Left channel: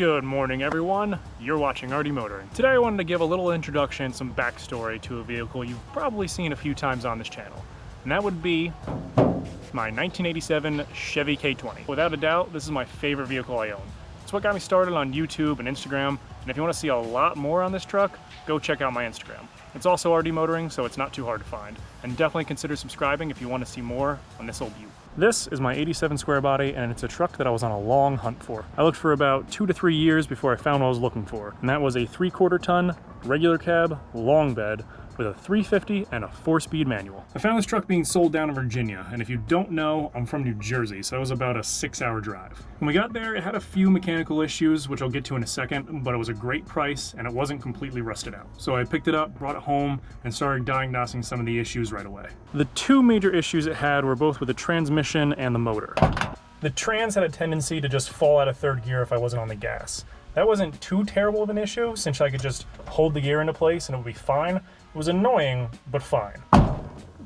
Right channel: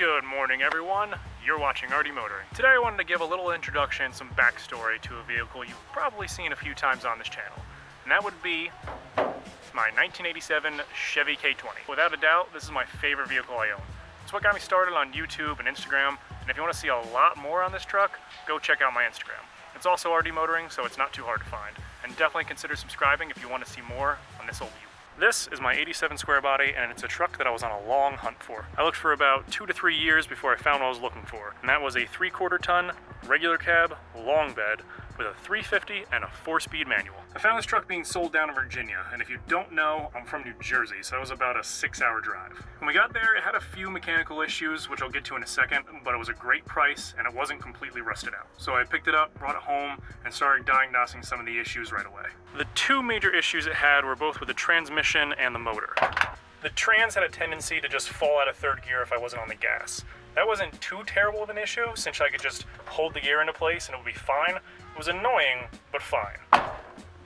Good morning, everyone. You're watching Artie Motoring. Today I wanted to give a little introduction, some backstory to a vehicle you've probably seen a few times on this channel. And that would be my 1987 Chevy K20. Without a doubt, this is my favorite vehicle I own. It's what got me started on YouTube and Instagram, and if you want to see a lot more on this truck, go check out my Instagram. It's also Artie Motoring, so it's not too hard to find. And definitely consider subscribing if you want to see more on this old beaut. This is my 87 square body, and it's a truck that I was on a long hunt for. I looked for about 2 to 3 years before I found what I was looking for, and that was a 3/4 ton, regular cab, long bed, with a 350 and a 4-speed manual. I found this truck being sold down in Virginia, and if you don't know, I'm from New Jersey, so it was about a 6-hour drive. When we got there, it had a few mechanical issues, which I'll get to in a second, but it was a great price, and it wasn't completely rusted out. So I picked it up, brought it home, and started diagnosing some of the issues right away. The two major issues it had were both with the transmission and the motor. The trans had a tendency to just fall out of third gear if I wasn't on the gas. That wasn't too terrible of an issue, since I could just hold the gear into place and it would be fine. It was annoying, but fine.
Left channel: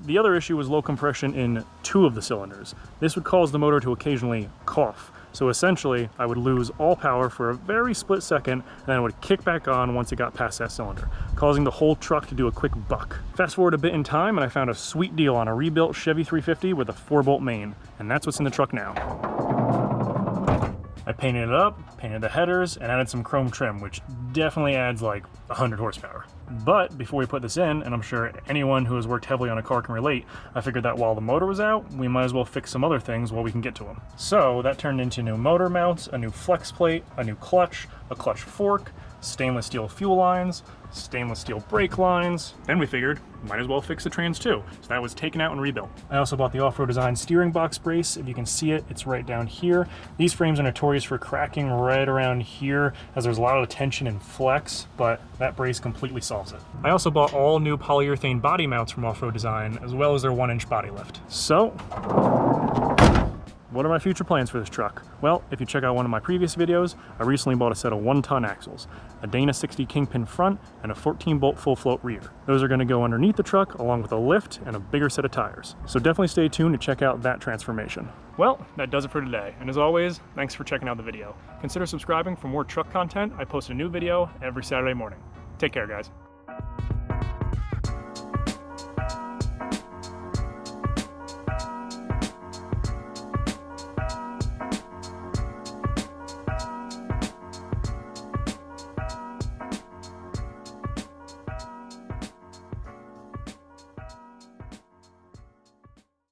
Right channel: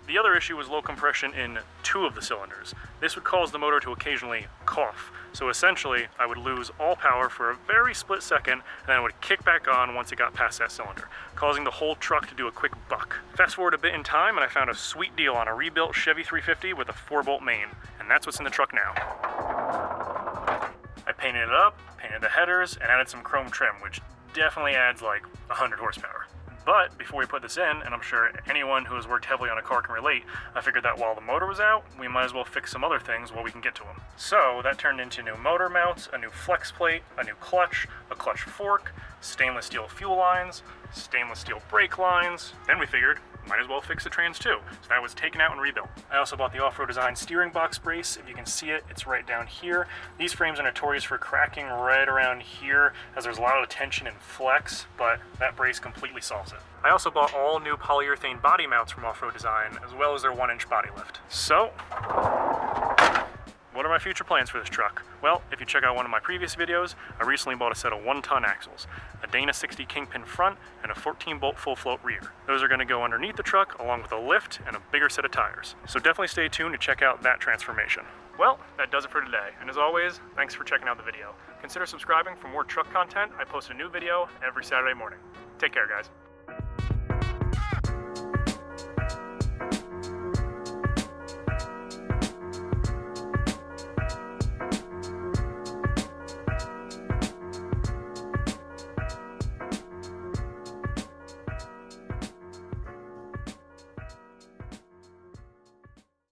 The other issue was low compression in 2 of the cylinders. This would cause the motor to occasionally cough. So essentially, I would lose all power for a very split second, and then it would kick back on once it got past that cylinder, causing the whole truck to do a quick buck. Fast forward a bit in time, and I found a sweet deal on a rebuilt Chevy 350 with a 4-bolt main, and that's what's in the truck now. I painted it up, painted the headers, and added some chrome trim, which definitely adds like 100 horsepower. But before we put this in, and I'm sure anyone who has worked heavily on a car can relate, I figured that while the motor was out, we might as well fix some other things while we can get to them. So that turned into new motor mounts, a new flex plate, a new clutch, a clutch fork, stainless steel fuel lines, stainless steel brake lines. Then we figured, might as well fix the trans too. So that was taken out and rebuilt. I also bought the off-road design steering box brace. If you can see it, it's right down here. These frames are notorious for cracking right around here as there's a lot of tension and flex, but that brace completely solves it. I also bought all new polyurethane body mounts from Off-Road Design, as well as their 1-inch body lift. So, what are my future plans for this truck? Well, if you check out one of my previous videos, I recently bought a set of 1-ton axles, a Dana 60 Kingpin front, and a 14-bolt full float rear. Those are going to go underneath the truck along with a lift and a bigger set of tires. So definitely stay tuned to check out that transformation. Well, that does it for today. And as always, thanks for checking out the video. Consider subscribing for more truck content. I post a new video every Saturday morning. Take care, guys.